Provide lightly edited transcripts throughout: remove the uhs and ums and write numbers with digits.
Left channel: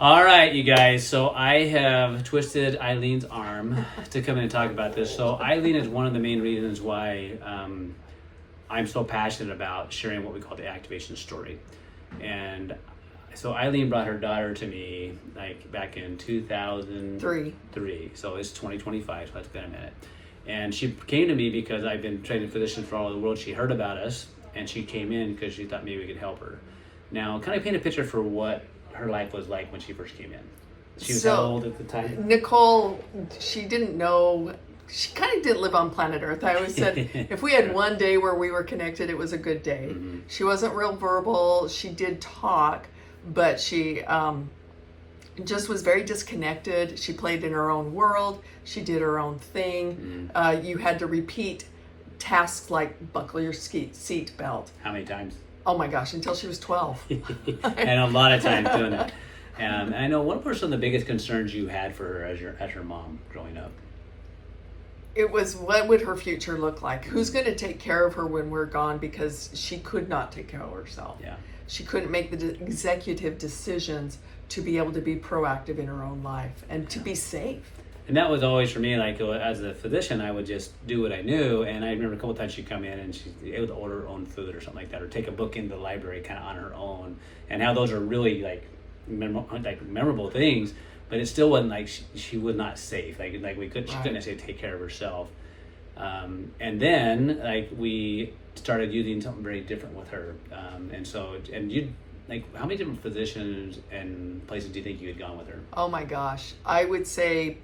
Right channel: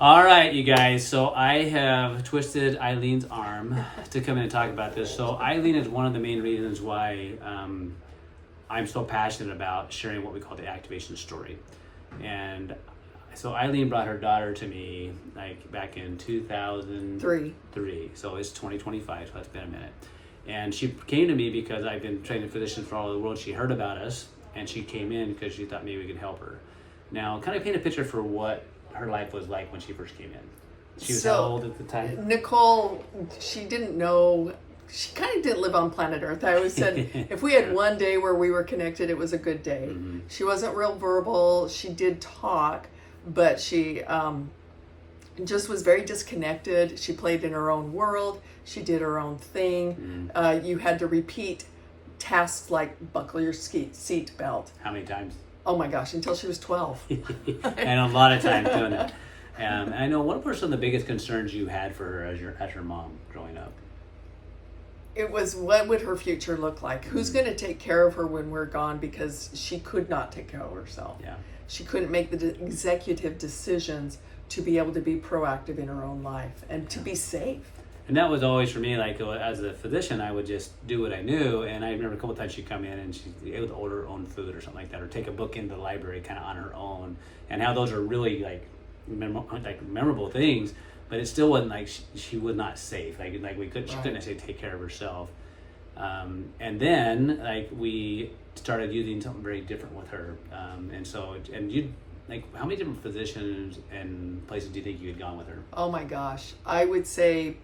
All right, you guys. So I have twisted Eileen's arm to come in and talk about this. So Eileen is one of the main reasons why I'm so passionate about sharing what we call the activation story. And so Eileen brought her daughter to me like back in 2003. So it's 2025, so that's been a minute. And she came to me because I've been training physicians for all over the world. She heard about us and she came in because she thought maybe we could help her. Now, kind of paint a picture for what her life was like when she first came in. She was how old at the time? Nicole, she didn't know. She kind of didn't live on planet Earth. I always said if we had one day where we were connected, it was a good day. Mm-hmm. She wasn't real verbal. She did talk, but she just was very disconnected. She played in her own world. She did her own thing. Mm-hmm. You had to repeat tasks like buckle your seat belt. How many times? Oh my gosh, until she was 12. And a lot of times doing that. And I know, what were some of the biggest concerns you had for her as her mom growing up? It was, what would her future look like? Who's going to take care of her when we're gone? Because she could not take care of herself. Yeah. She couldn't make the executive decisions to be able to be proactive in her own life and to be safe. And that was always for me, like as a physician, I would just do what I knew. And I remember a couple of times she'd come in and she'd be able to order her own food or something like that, or take a book into the library kind of on her own. And how those are really like memorable things, but it still wasn't like she was not safe. Like we couldn't, she couldn't necessarily take care of herself. And then like we started using something very different with her. And you, like, how many different physicians and places do you think you had gone with her? Oh my gosh, I would say.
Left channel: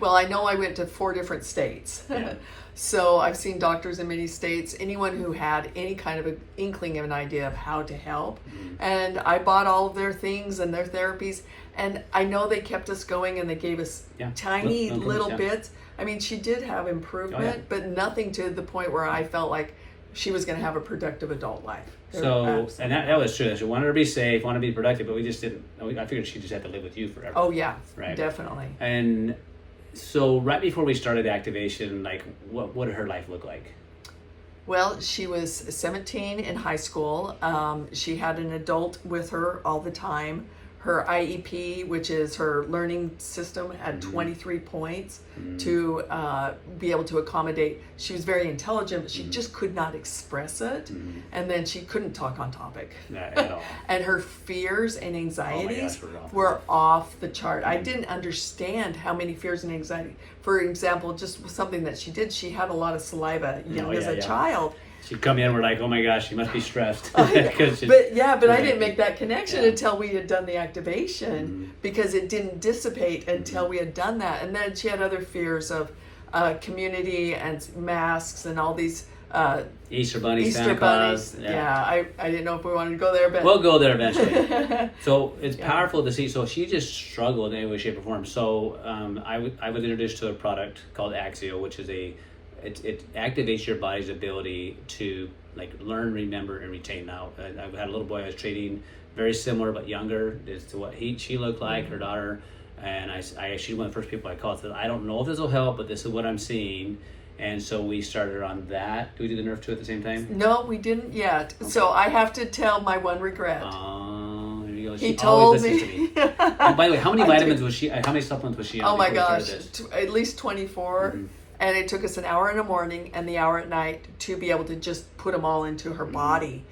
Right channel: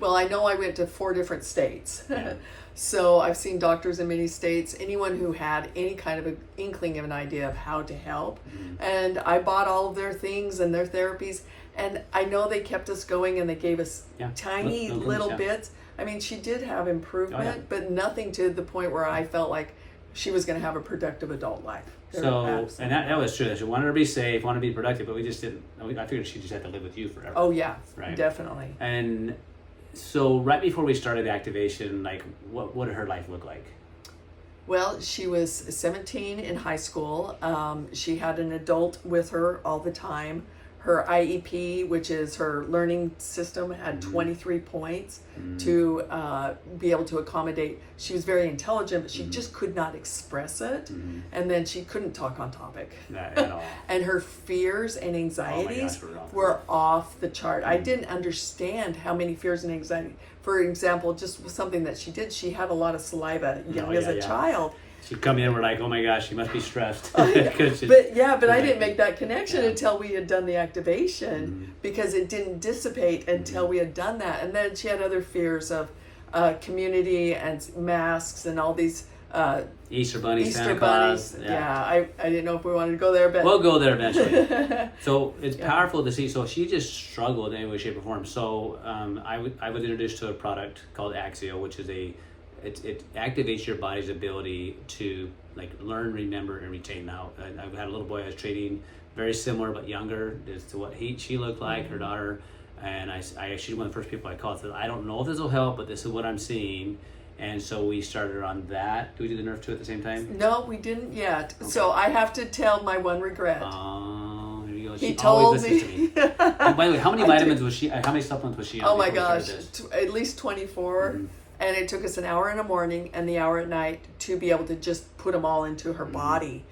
Well, I know I went to 4 different states. Yeah. So I've seen doctors in many states, anyone who had any kind of an inkling of an idea of how to help. Mm-hmm. And I bought all of their things and their therapies. And I know they kept us going and they gave us tiny little bits. I mean, she did have improvement, but nothing to the point where I felt like she was going to have a productive adult life. So, and that was true. She wanted her to be safe, wanted to be productive, but we just didn't. I figured she just had to live with you forever. Oh, yeah, right? Definitely. And so right before we started activation, like what did her life look like? Well, she was 17 in high school. She had an adult with her all the time. Her IEP, which is her learning system, had 23 points to be able to accommodate. She was very intelligent, but she just could not express it. And then she couldn't talk on topic. Not at all. And her fears and anxieties were off the chart. I didn't understand how many fears and anxiety. For example, just something that she did, she had a lot of saliva as a child. She'd come in, we're like, oh my gosh, she must be stressed. But I didn't make that connection until we had done the activation because it didn't dissipate until we had done that. And then she had other fears of community and masks and all these Easter Bunny, Santa Claus. I didn't know if we wanted to go there, but we'll go there eventually. So it's powerful to see. So she just struggled in any way, shape, or form. So I was introduced to a product called Axio, which is it activates your body's ability to like learn, remember, and retain. Now, I had a little boy I was treating, very similar but younger as to what she looked like, her daughter, and she's one of the first people I called. Said, I don't know if this will help, but this is what I'm seeing. And so we started her on that. Do we do the Nerve 2 at the same time? No, we didn't yet. Okay. So I have to tell my one regret. Oh, there you go. He told me. Oh, by the way, how many vitamins was she? How many supplements was she on? Oh my gosh, at least 24. And it took us an hour in the morning and the hour at night to be able to just put them all into her body.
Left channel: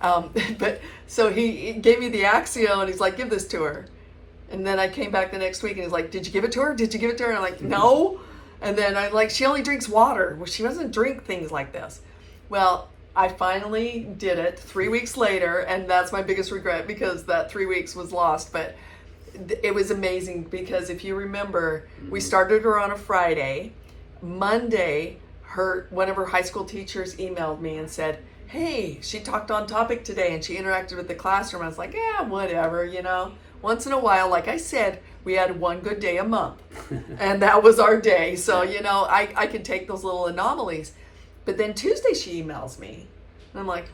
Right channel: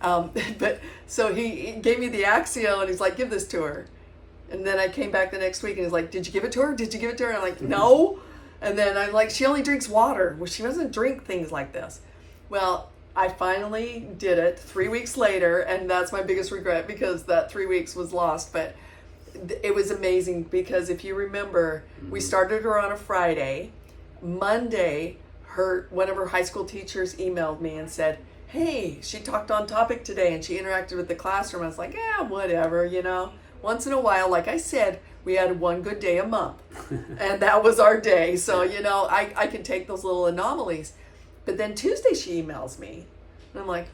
But so he gave me the Axio and he's like, give this to her. And then I came back the next week and he's like, did you give it to her? Did you give it to her? And I'm like, no. And then I'm like, she only drinks water. Well, she doesn't drink things like this. Well, I finally did it 3 weeks later. And that's my biggest regret because that 3 weeks was lost. But it was amazing because if you remember, we started her on a Friday. Monday, one of her high school teachers emailed me and said, hey, she talked on topic today and she interacted with the classroom. I was like, yeah, whatever, once in a while, like I said, we had one good day a month and that was our day. So, I could take those little anomalies. But then Tuesday she emails me and I'm like,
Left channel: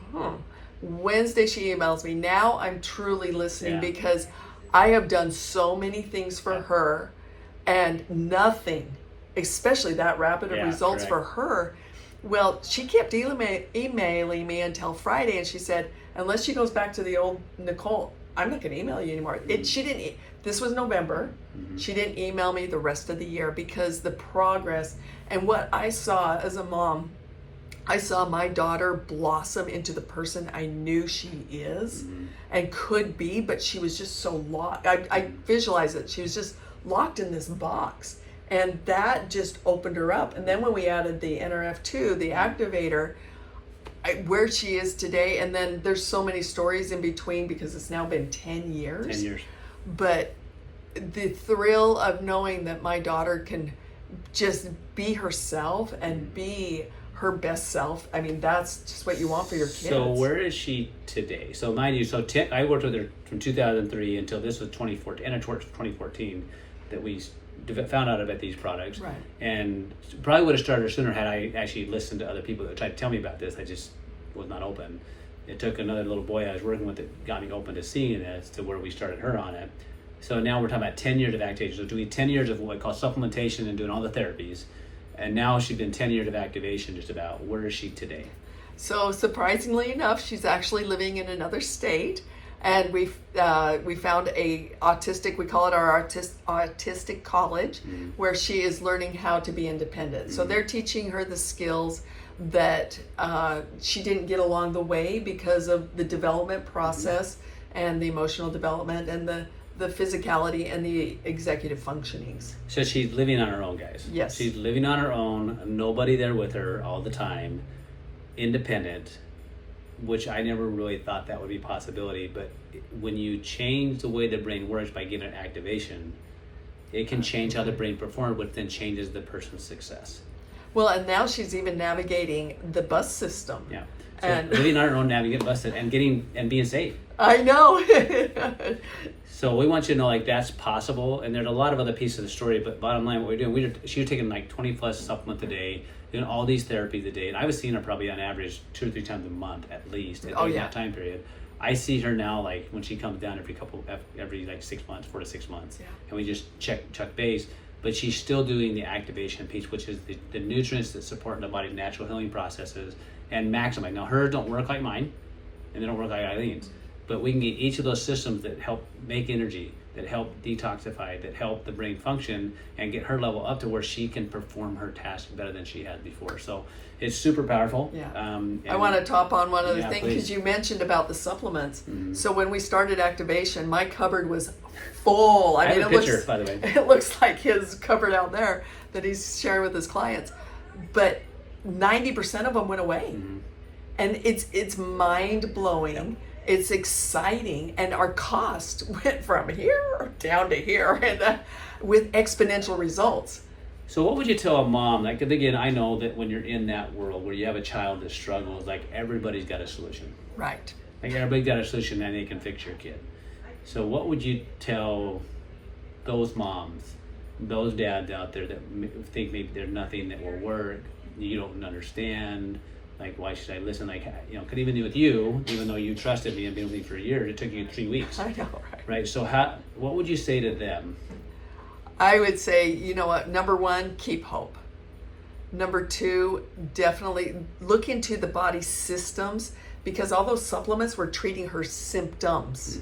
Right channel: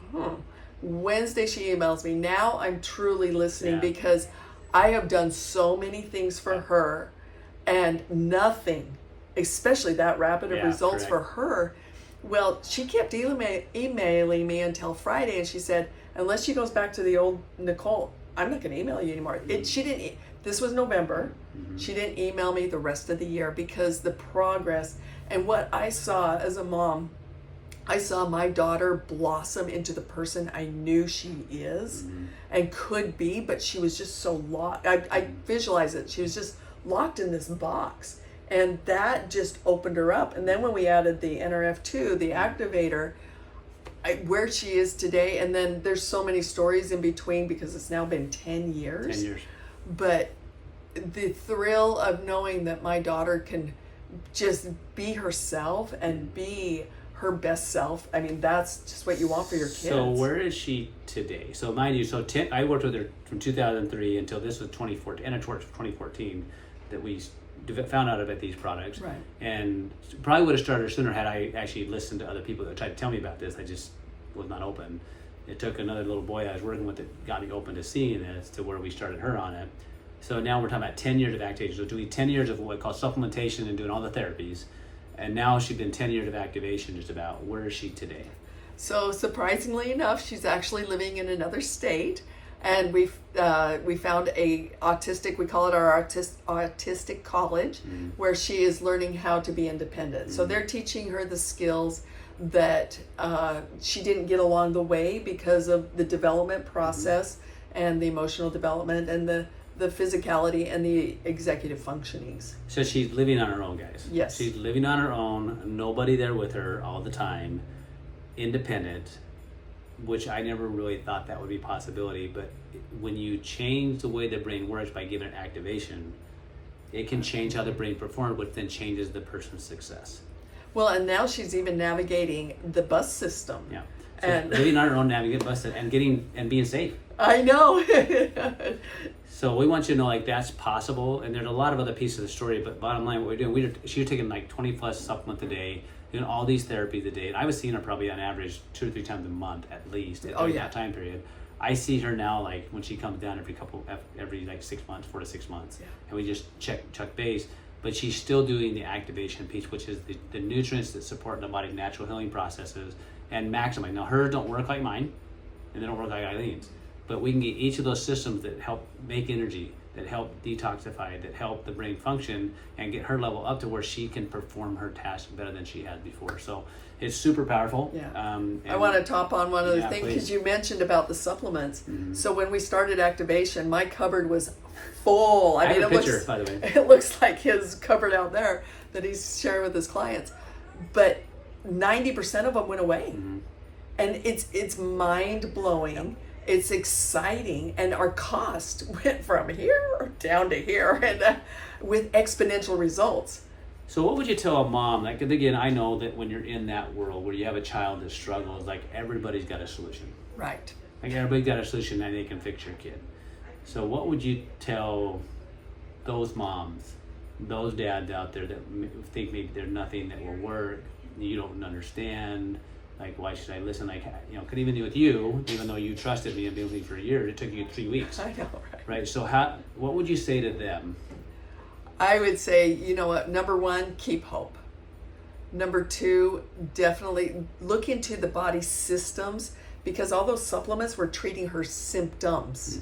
Wednesday she emails me. Now I'm truly listening because I have done so many things for her and nothing, especially that rapid of results for her. Well, she kept emailing me until Friday and she said, unless she goes back to the old Nicole, I'm not going to email you anymore. She didn't. This was November. She didn't email me the rest of the year because the progress and what I saw as a mom, I saw my daughter blossom into the person I knew she is and could be, but she was just so locked. I visualize it. She was just locked in this box, and that just opened her up. And then when we added the NRF2, the activator, where she is today, and then there's so many stories in between because it's now been 10 years. 10 years. But the thrill of knowing that my daughter can just be herself and be her best self. I mean, that's just what you want for your kids. So where is she today? So mind you, I worked with her from 2003 until this was 2014, and towards 2014 that we found out about these products. Right. And probably would have started her sooner had I actually listened to other people that tried to tell me about this. I just was not open. It took another little boy I was working with that got me open to seeing this to where we started her on it. So now we're talking about 10 years of activation. So doing 10 years of what I call supplementation and doing all the therapies. And now she's been 10 years of activation just about. Where is she today? So surprisingly enough, she's actually living in another state. And we found a autistic, we call it our autistic college, where she is learning how to be independent. So they're teaching her the skills that she didn't get along the way because of the development process and the emotional development and the physicality and the executive functionings. So she's living on her own, guys. Yes. She's living on her own, nobody there with her all the time, independent, which I never really thought that would be a possibility. But when you change the way the brain works by giving it activation, it can change how the brain performs, which then changes the person's success. Well, and now she's even navigating the bus system. Yeah. So And living on her own, navigating busted, and being safe. I know. So we want you to know, like, that's possible, and there's a lot of other pieces of the story. But bottom line, what we're doing, she was taking like 20 plus supplements a day, doing all these therapies a day, and I was seeing her probably on average 2 or 3 times a month at least during that time period. I see her now, like when she comes down every like 6 months, 4 to 6 months, and we just check base. But she's still doing the activation piece, which is the nutrients that support the body's natural healing processes and maximize. Now, hers don't work like mine, and they don't work like Eileen's. But we can get each of those systems that help make energy, that help detoxify, that help the brain function, and get her level up to where she can perform her task better than she had before. So it's super powerful. Yeah. I want to top on one other thing, because please. you mentioned about the supplements. So when we started activation, my cupboard was full. I have a picture, by the way. It looks like his cupboard out there that he's sharing with his clients. But 90% of them went away. And it's mind-blowing. Yep. It's exciting, and our cost went from here down to here, and with exponential results. So what would you tell a mom? Like, again, I know that when you're in that world where you have a child that struggles, like, everybody's got a solution. Right. Like, everybody's got a solution, and they can fix your kid. So what would you tell those moms, those dads out there that think maybe there's nothing that will work, you don't understand? Like, why should I listen? Like, could even do with you, even though you trusted me and been with me for a year, it took you 3 weeks. I know, right? So what would you say to them? I would say, you know what, number 1, keep hope. Number 2, definitely look into the body systems, because all those supplements were treating her symptoms.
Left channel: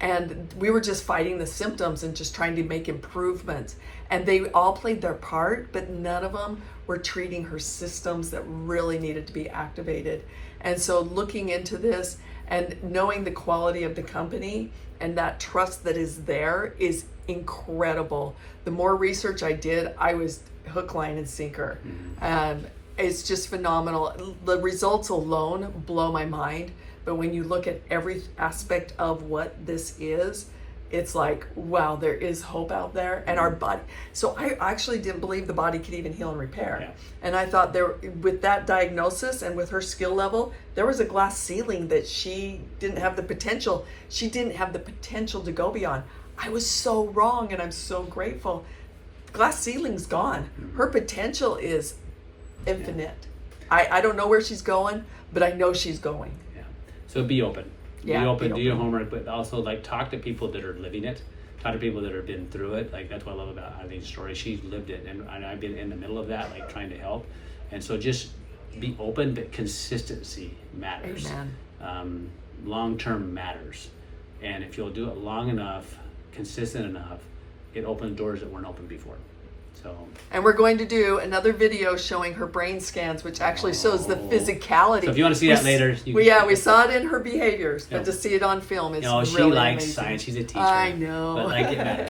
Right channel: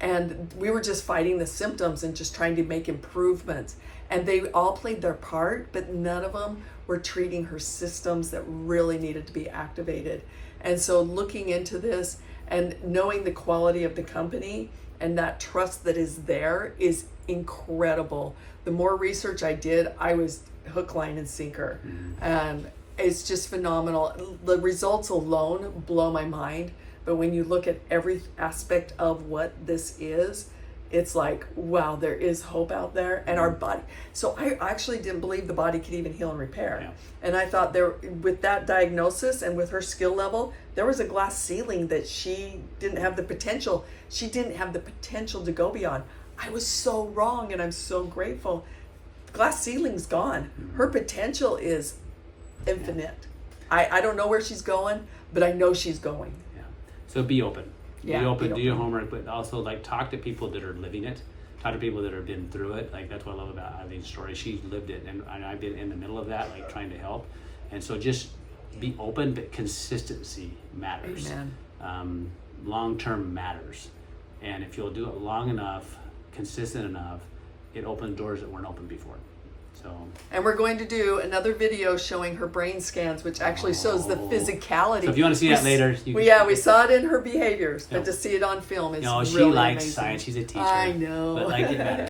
And we were just fighting the symptoms and just trying to make improvements. And they all played their part, but none of them were treating her systems that really needed to be activated. And so looking into this and knowing the quality of the company and that trust that is there is incredible. The more research I did, I was hook, line, and sinker. It's just phenomenal. The results alone blow my mind. But when you look at every aspect of what this is, it's like, wow, there is hope out there. And our body, so I actually didn't believe the body could even heal and repair. Yeah. And I thought with that diagnosis and with her skill level, there was a glass ceiling that she didn't have the potential. She didn't have the potential to go beyond. I was so wrong, and I'm so grateful. Glass ceiling's gone. Her potential is infinite. I don't know where she's going, but I know she's going. Yeah. So be open. Yeah, be open, do your homework, but also, like, talk to people that are living it. Talk to people that have been through it. Like, that's what I love about Eileen's story. She's lived it, and I've been in the middle of that, like, trying to help. And so just be open, but consistency matters. Amen. Long-term matters. And if you'll do it long enough, consistent enough, it opens doors that weren't open before. So, and we're going to do another video showing her brain scans, which actually shows the physicality. So if you want to see that later, we saw it in her behaviors, but to see it on film is no, she really likes amazing. science. She's a teacher. I know. But I get that.